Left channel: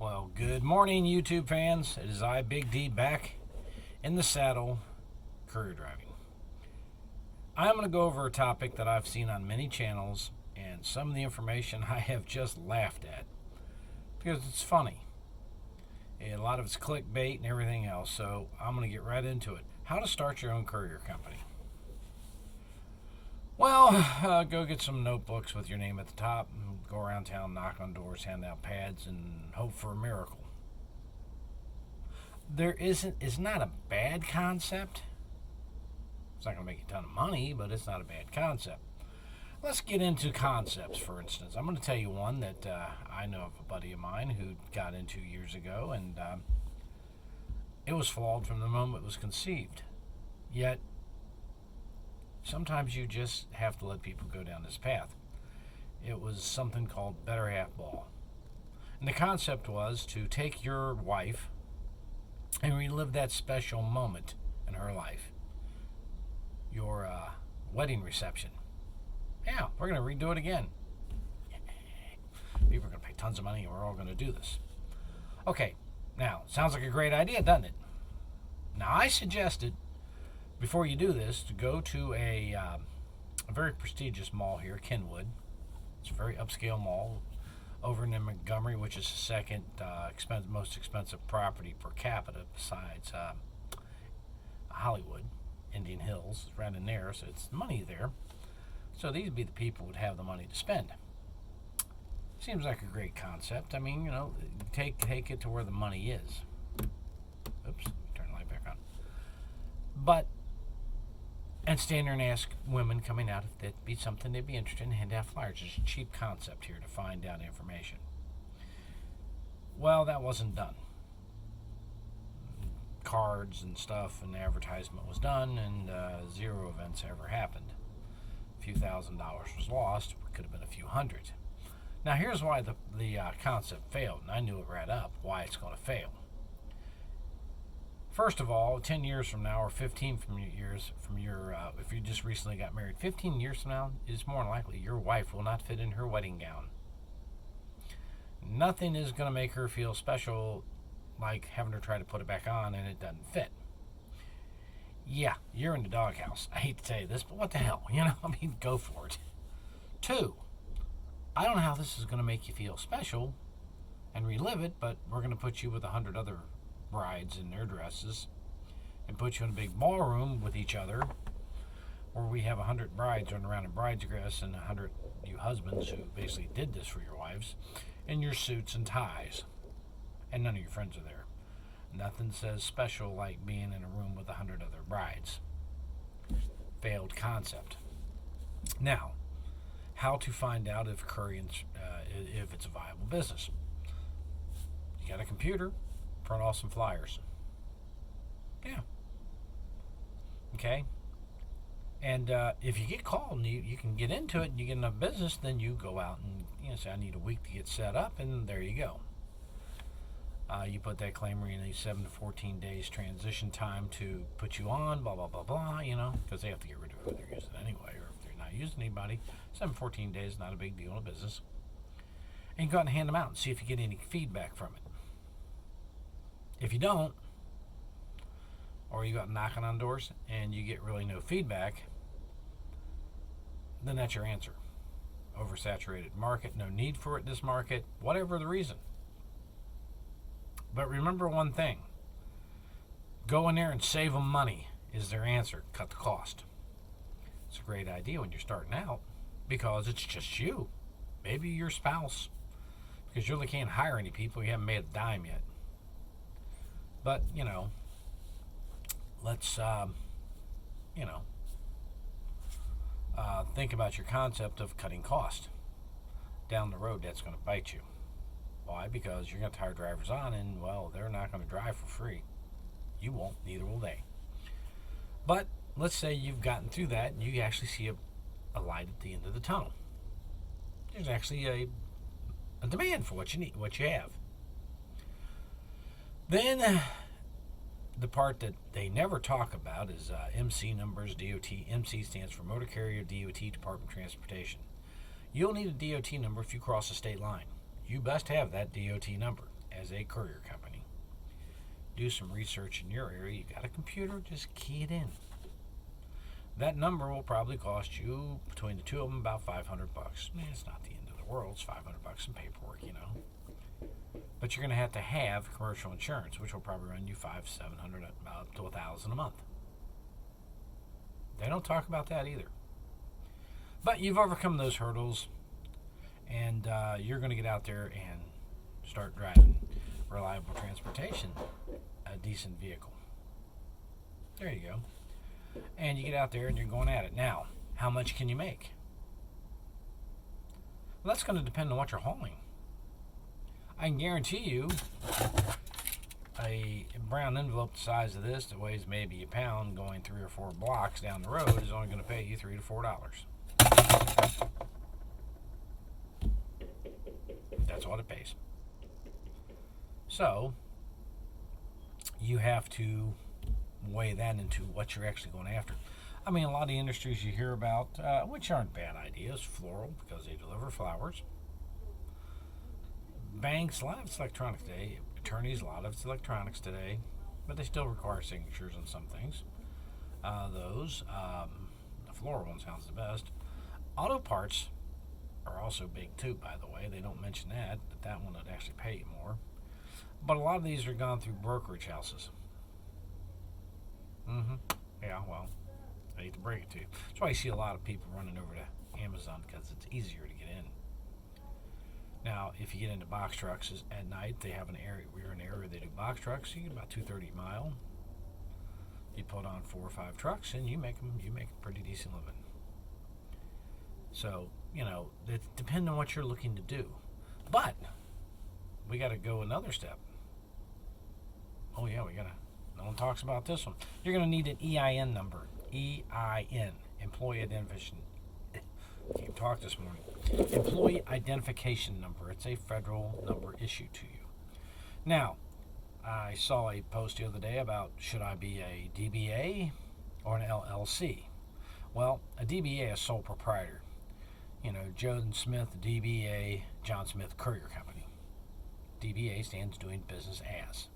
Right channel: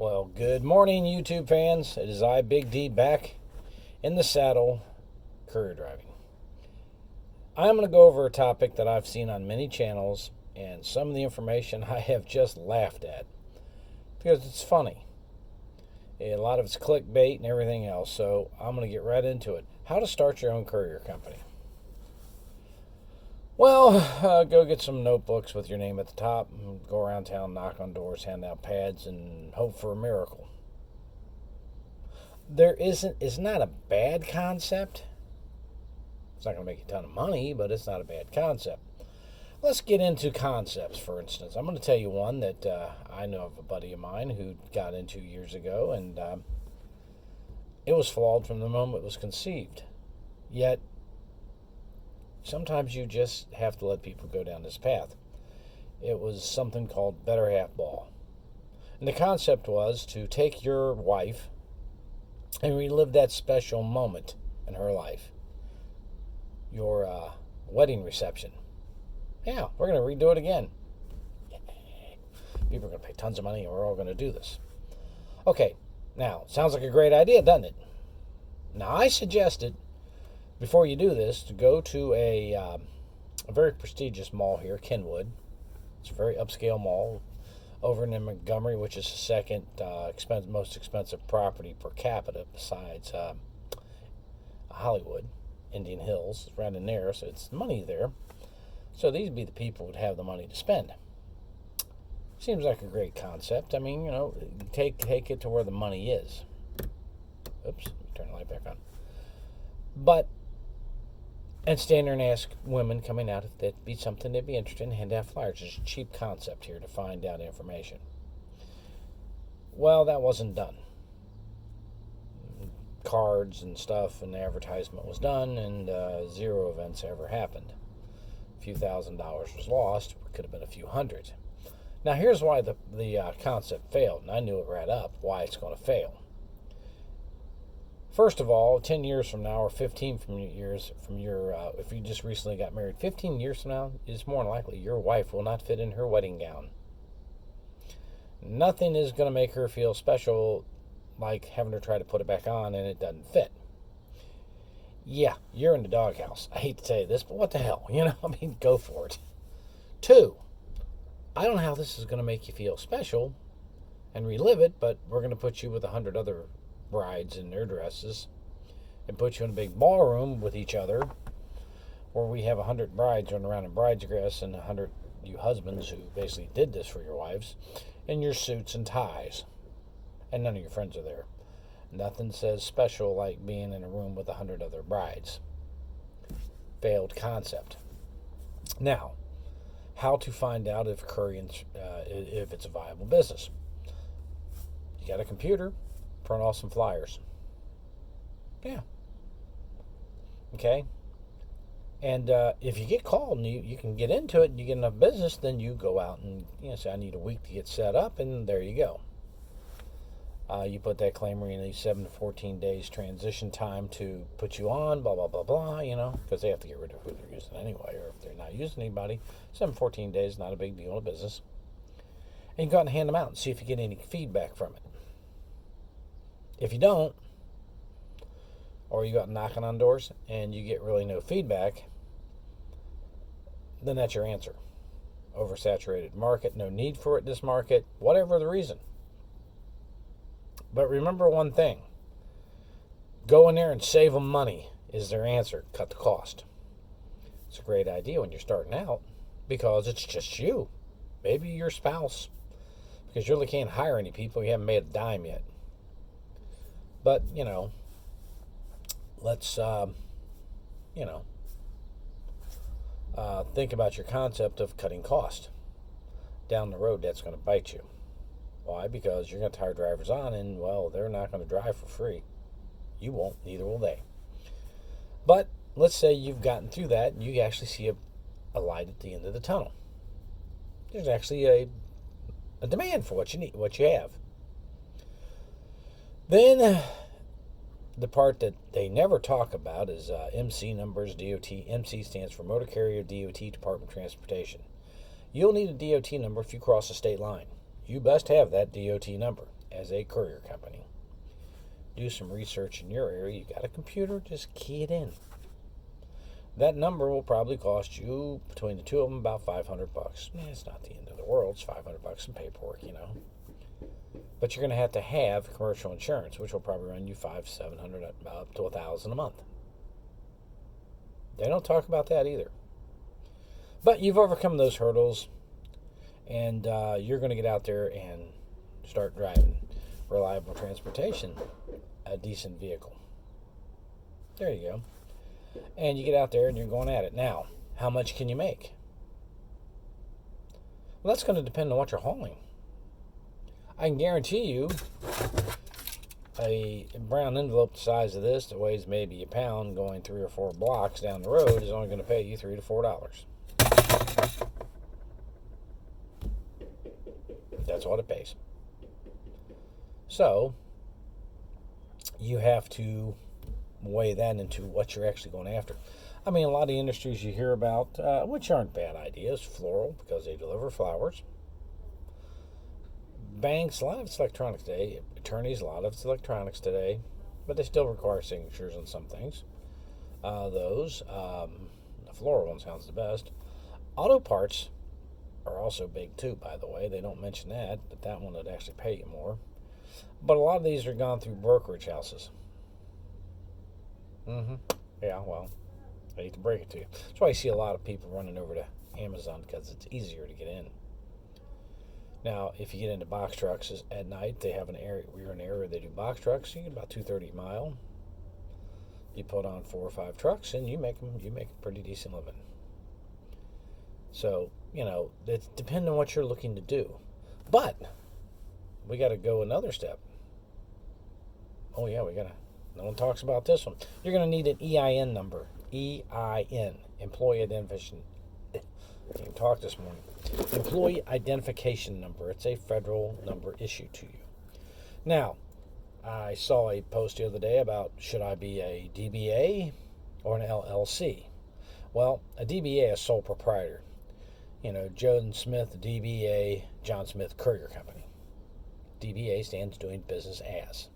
Well, good morning, YouTube fans. It is I, Big D, back in the saddle, courier driving. I'm going to go over a topic that I've seen on many channels, and some of the information I have just laughed at because it's funny. A lot of it's clickbait and everything else, so I'm going to get right into it. How to start your own courier company. Well, go get some notebooks with your name at the top, and go around town, knock on doors, hand out pads, and hope for a miracle. It's not a bad concept. It's not going to make you a ton of money, but it's not a bad concept. Let's get into concepts, for instance. I'm going to tell you one that I know of a buddy of mine who got into years ago, and it was flawed from the moment it was conceived. Yet, sometimes you just have to let people go down this path. It was something called Better Half Ball. And the concept was to take your wife and relive that special moment in her life. Your wedding reception. Yeah, we're going to redo it again. Yay. People are going to pay tons of money and we're all going to do this. Okay, now, sounds like a great idea, doesn't it? Now, I suggested, before you do this, to go to a very prestigious mall here, Kenwood. It's a very upscale mall over in Montgomery, which is the second most expensive property per capita besides Hollywood. Indian Hills, right in there, so it's money there. So these would be the people who would have the money to spend. Seems like a great concept. I mean, take it to where the money is. Oops, let me turn the light back on. And stand there and ask women coming out if that'd be something they'd be interested in, hand out flyers. It's a cheap concept here to find out information. Well, that wasn't done. Cards and stuff and the advertisement was done, and 0 events ever happened. A few $1,000s was lost. It could have been a few hundred. Now here's why the concept failed, and I knew it right up why it's going to fail. First of all, 10 years from now, or 15 years from your, if you just recently got married, 15 years from now, it's more than likely your wife will not fit in her wedding gown. Nothing is going to make her feel special like having her try to put it back on and it doesn't fit. Yeah, you're in the doghouse. I hate to tell you this, but what the hell? I mean, go for it. 2, I don't know how this is going to make you feel special and relive it, but we're going to put you with 100 other brides in their dresses and put you in a big ballroom with each other where we have 100 brides running around in bride's dress and 100 you husbands who basically did this for your wives in your suits and ties. And none of your friends are there. Nothing says special like being in a room with 100 other brides. Failed concept. Now, how to find out if if it's a viable business? You got a computer, print off some flyers. Yeah. Okay. And if you get called and you can get into it and you get enough business, then you go out and say, I need a week to get set up, and there you go. You put that claimer in a 7 to 14 days transition time to put you on, blah, blah, blah, blah, because they have to get rid of who they're using anyway, or if they're not using anybody. 7 to 14 days, not a big deal in a business. And you go out and hand them out and see if you get any feedback from it. If you don't, or you go out knocking on doors and you get really no feedback, then that's your answer. Oversaturated market, no need for it in this market, whatever the reason. But remember one thing. Go in there and save them money is their answer. Cut the cost. It's a great idea when you're starting out because it's just you. Maybe your spouse. Because you really can't hire any people. You haven't made a dime yet. But, let's, think about your concept of cutting cost. Down the road, that's going to bite you. Why? Because you're going to hire drivers on, and, well, they're not going to drive for free. You won't, neither will they. But let's say you've gotten through that, and you actually see a light at the end of the tunnel. There's actually a demand for what you need, what you have. Then the part that they never talk about is MC numbers, DOT. MC stands for Motor Carrier DOT Department of Transportation. You'll need a DOT number if you cross a state line. You best have that DOT number. as a courier company. Do some research in your area. You got a computer, just key it in. That number will probably cost you, between the two of them, about $500. It's not the end of the world. It's $500 in paperwork, But you're going to have commercial insurance, which will probably run you $500, $700, up to $1,000 a month. They don't talk about that either. But you've overcome those hurdles, and you're going to get out there and start driving reliable transportation, a decent vehicle. There you go. And you get out there and you're going at it. Now, how much can you make? Well, that's going to depend on what you're hauling. I can guarantee you a brown envelope the size of this that weighs maybe a pound going 3 or 4 blocks down the road is only going to pay you $3 to $4. That's what it pays. So you have to weigh that into what you're actually going after. I mean, a lot of the industries you hear about, which aren't bad ideas, floral, because they deliver flowers. Banks, a lot of it's electronic today. Attorneys, a lot of it's electronics today, but they still require signatures on some things. The floral one sounds the best. Auto parts are also big too, by the way. They don't mention that, but that one would actually pay you more. But a lot of these are gone through brokerage houses. Yeah, well, I hate to break it to you. That's why you see a lot of people running over to Amazon, because it's easier to get in. Now, if you get into box trucks at night, they have an area. We're in an area where they do box trucks. You get about 230 a mile. You put on 4 or 5 trucks, and you make a pretty decent living. So, it depends on what you're looking to do. But we got to go another step. Oh yeah, no one talks about this one. You're going to need an EIN number. EIN, Employee Identification. Can't talk this morning. Employee Identification Number. It's a federal number issued to you. Now, I saw a post the other day about, should I be a DBA or an LLC? Well, a DBA is sole proprietor. John Smith, DBA, John Smith Courier Company. DBA stands doing business as.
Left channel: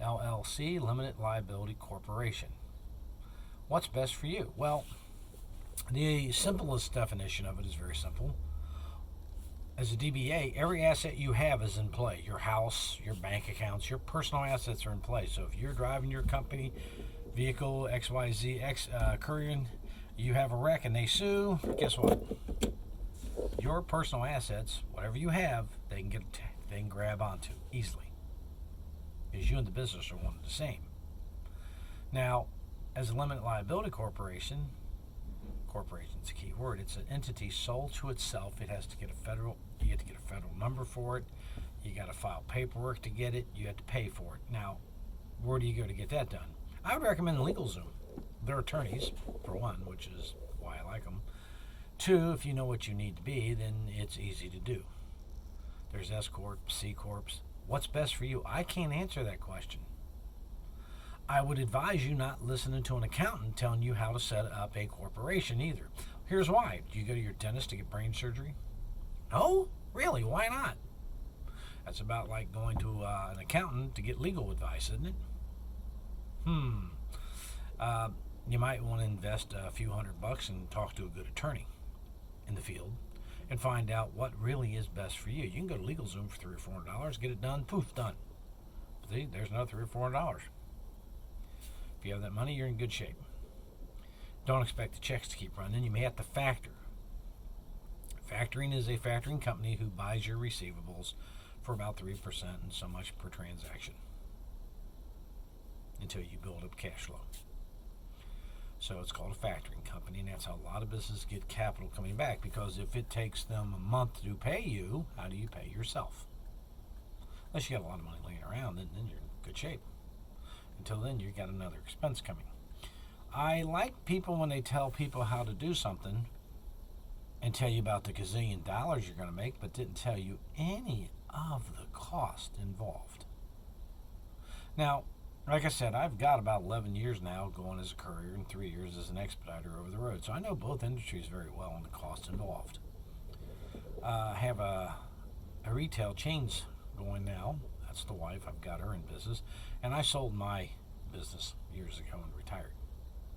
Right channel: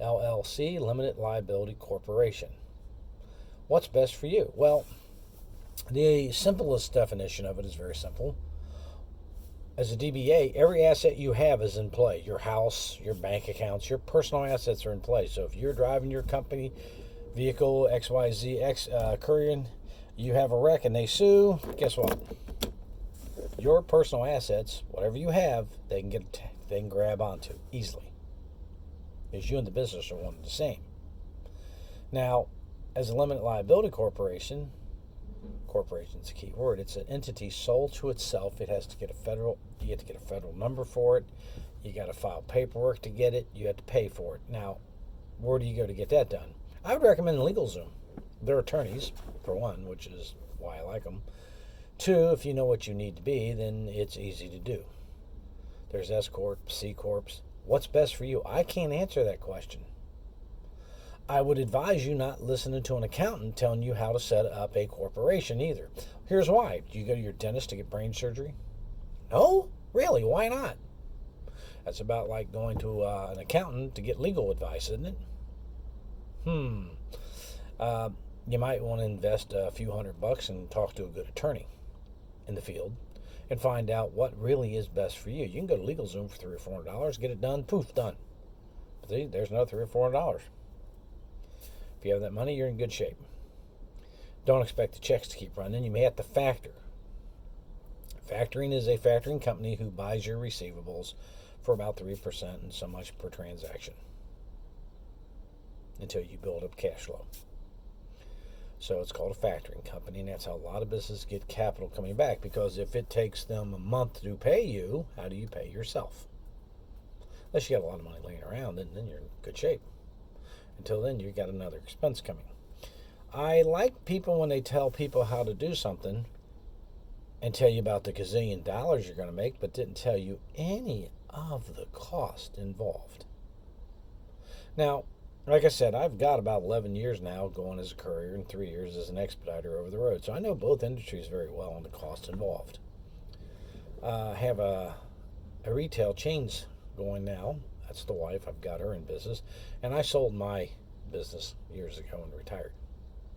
LLC, Limited Liability Corporation. What's best for you? Well, the simplest definition of it is very simple. As a DBA, every asset you have is in play. Your house, your bank accounts, your personal assets are in play. So if you're driving your company vehicle XYZ Courier, you have a wreck and they sue, guess what? Your personal assets, whatever you have, they can grab onto easily. Because you and the business are one and the same. Now, as a limited liability corporation's a key word. It's an entity sold to itself. You have to get a federal number for it. You got to file paperwork to get it. You have to pay for it. Now, where do you go to get that done? I would recommend LegalZoom. They're attorneys, for one, which is why I like them. 2, if you know what you need to be, then it's easy to do. There's S Corp, C Corps. What's best for you? I can't answer that question. I would advise you not listening to an accountant telling you how to set up a corporation either. Here's why. Do you go to your dentist to get brain surgery? No? Really? Why not? That's about like going to an accountant to get legal advice, isn't it? You might want to invest a few $100 and talk to a good attorney in the field and find out what really is best for you. You can go to LegalZoom for $300 or $400, get it done, poof, done. See, there's another $300 or $400. If you have that money, you're in good shape. Don't expect the checks to keep running. You may have to factor. Factoring is a factoring company who buys your receivables for about 3% and so much per transaction until you build up cash flow. So it's called a factoring company, and that's how a lot of businesses get capital coming back, because if it takes them a month to pay you, how do you pay yourself? Unless you got a lot of money laying around, then you're in good shape. Until then, you got another expense coming. I like people when they tell people how to do something and tell you about the gazillion dollars you're going to make, but didn't tell you any of the cost involved. Now, like I said, I've got about 11 years now going as a courier and 3 years as an expediter over the road. So I know both industries very well and the cost involved. I have a retail chains going now. That's the wife. I've got her in business. And I sold my business years ago and retired.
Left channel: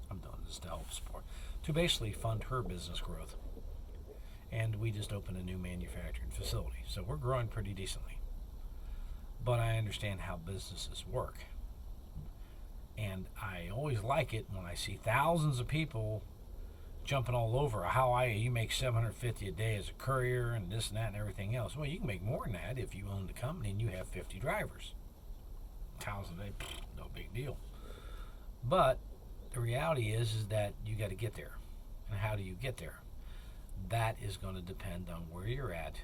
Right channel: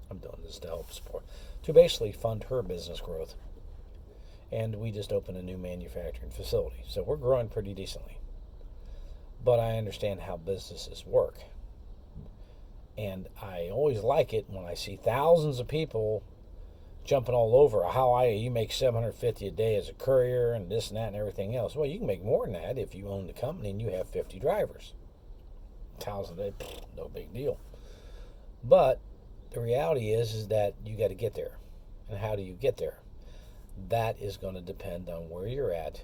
I'm doing this to help support, to basically fund her business growth. And we just opened a new manufacturing facility. So we're growing pretty decently. But I understand how businesses work. And I always like it when I see thousands of people jumping all over how you make $750 a day as a courier and this and that and everything else. Well, you can make more than that if you own the company and you have 50 drivers. 1,000 a day, no big deal. But the reality is that you got to get there. And how do you get there? That is going to depend on where you're at,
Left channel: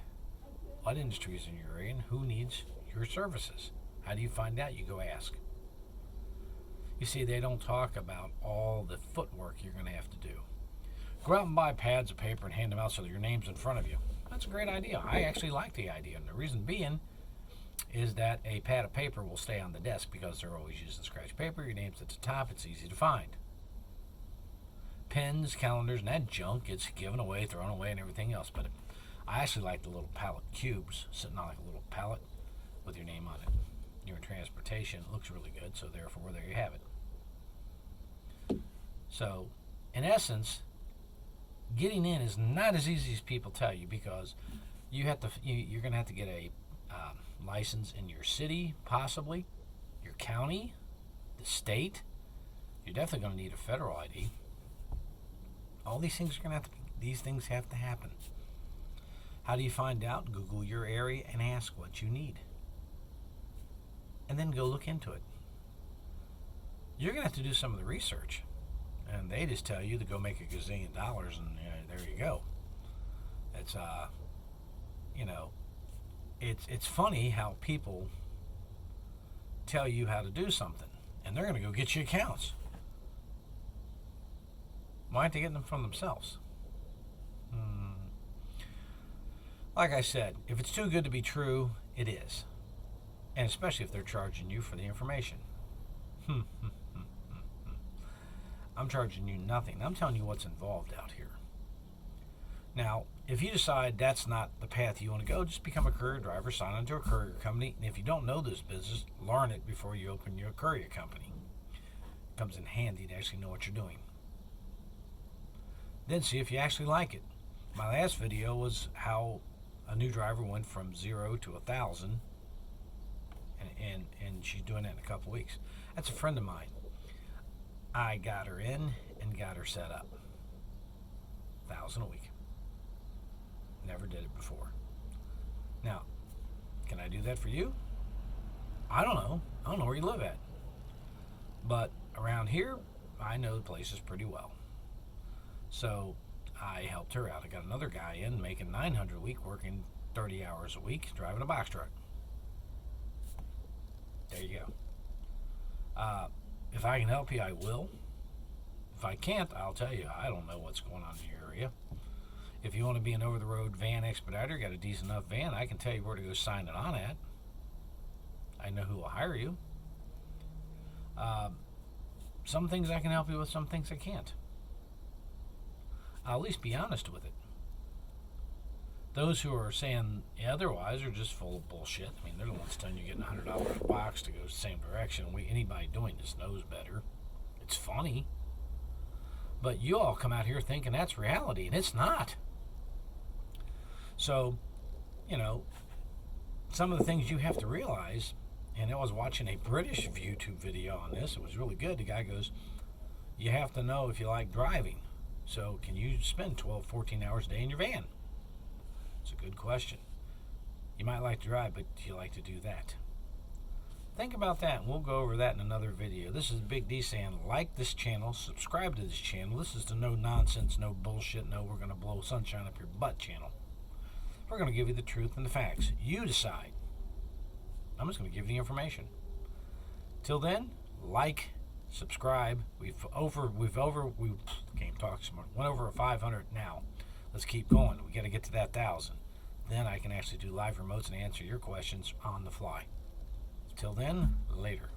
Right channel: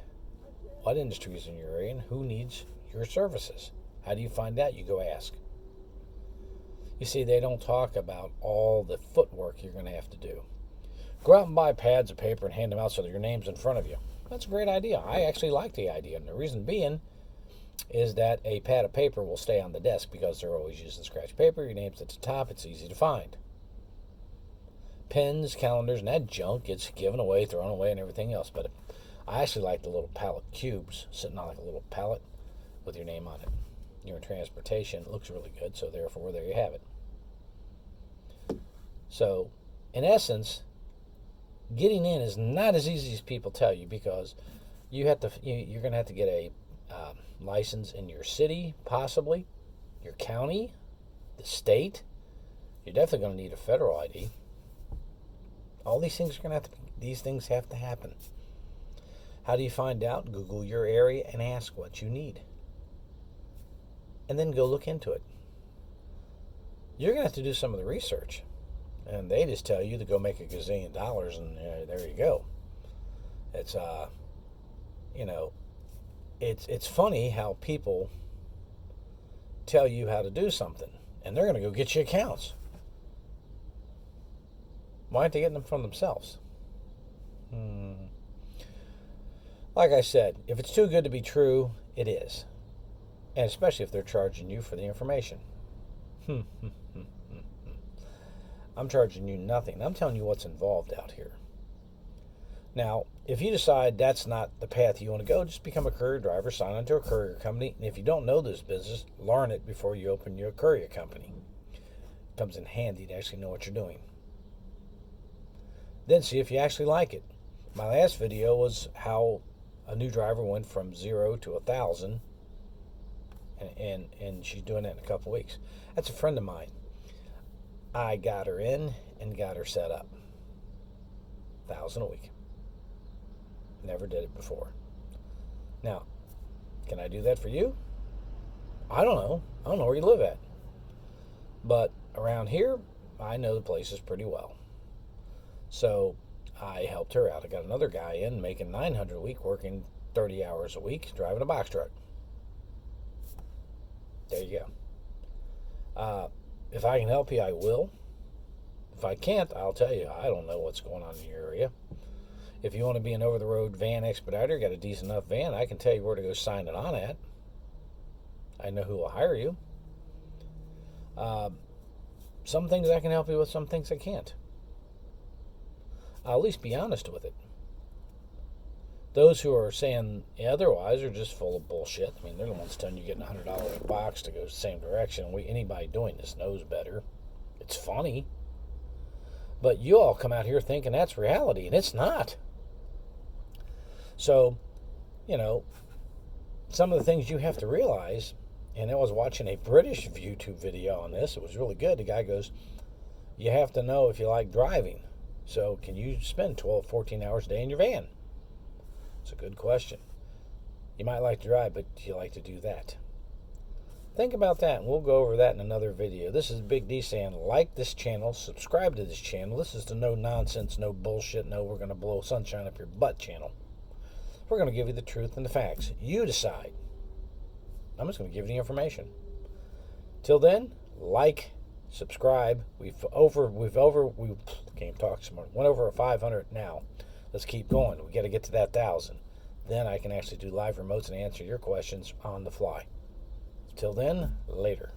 what industries in your area, and who needs your services. How do you find out? You go ask. You see, they don't talk about all the footwork you're going to have to do. Go out and buy pads of paper and hand them out so that your name's in front of you. That's a great idea. I actually like the idea. And the reason being is that a pad of paper will stay on the desk because they're always using scratch paper. Your name's at the top. It's easy to find. Pens, calendars, and that junk gets given away, thrown away, and everything else. But I actually like the little pallet cubes sitting on like a little pallet with your name on it. You're in transportation. It looks really good, so therefore, there you have it. So, in essence, getting in is not as easy as people tell you because you're going to have to get a license in your city, possibly, your county, the state. You're definitely going to need a federal ID. All these things are going to these things have to happen. How do you find out? Google your area and ask what you need. And then go look into it. You're going to have to do some of the research. And they just tell you to go make $1 gazillion and there you go. It's it's funny how people tell you how to do something and they're going to go get you accounts. Why aren't they getting them from themselves? Like I said, if it's too good to be true, it is. And especially if they're charging you for the information. I'm charging you nothing. I'm telling you what's involved out here. Now, if you decide that's not the path you want to go, just become a courier driver, sign on to a courier company, and if you don't know this business, learn it before you open your courier company. It comes in handy to actually know what you're doing. Then see if you actually like it. My last video was how a new driver went from 0 to 1,000, and she's doing it in a couple weeks. That's a friend of mine. I got her in and got her set up. 1,000 a week. Never did it before. Now, can I do that for you? I don't know. I don't know where you live at. But around here, I know the places pretty well. So I helped her out. I got another guy in making $900 a week, working 30 hours a week, driving a box truck. There you go. If I can help you, I will. If I can't, I'll tell you, I don't know what's going on in your area. If you want to be an over-the-road van expediter, got a decent enough van, I can tell you where to go sign it on at. I know who will hire you. Some things I can help you with, some things I can't. I'll at least be honest with it. Those who are saying otherwise are just full of bullshit. I mean, they're the ones telling you getting $100 a box to go the same direction. Anybody doing this knows better. It's funny. But you all come out here thinking that's reality, and it's not. So, some of the things you have to realize, and I was watching a British YouTube video on this. It was really good. The guy goes, you have to know if you like driving. So can you spend 12, 14 hours a day in your van? It's a good question. You might like to drive, but do you like to do that? Think about that, and we'll go over that in another video. This is Big D saying, like this channel, subscribe to this channel. This is the no nonsense, no bullshit, no we're going to blow sunshine up your butt channel. We're going to give you the truth and the facts. You decide. I'm just going to give you the information. Till then, like, subscribe. We can't talk smart. Went over 500 now. Let's keep going. We got to get to that 1,000. Then I can actually do live remotes and answer your questions on the fly. Till then, later.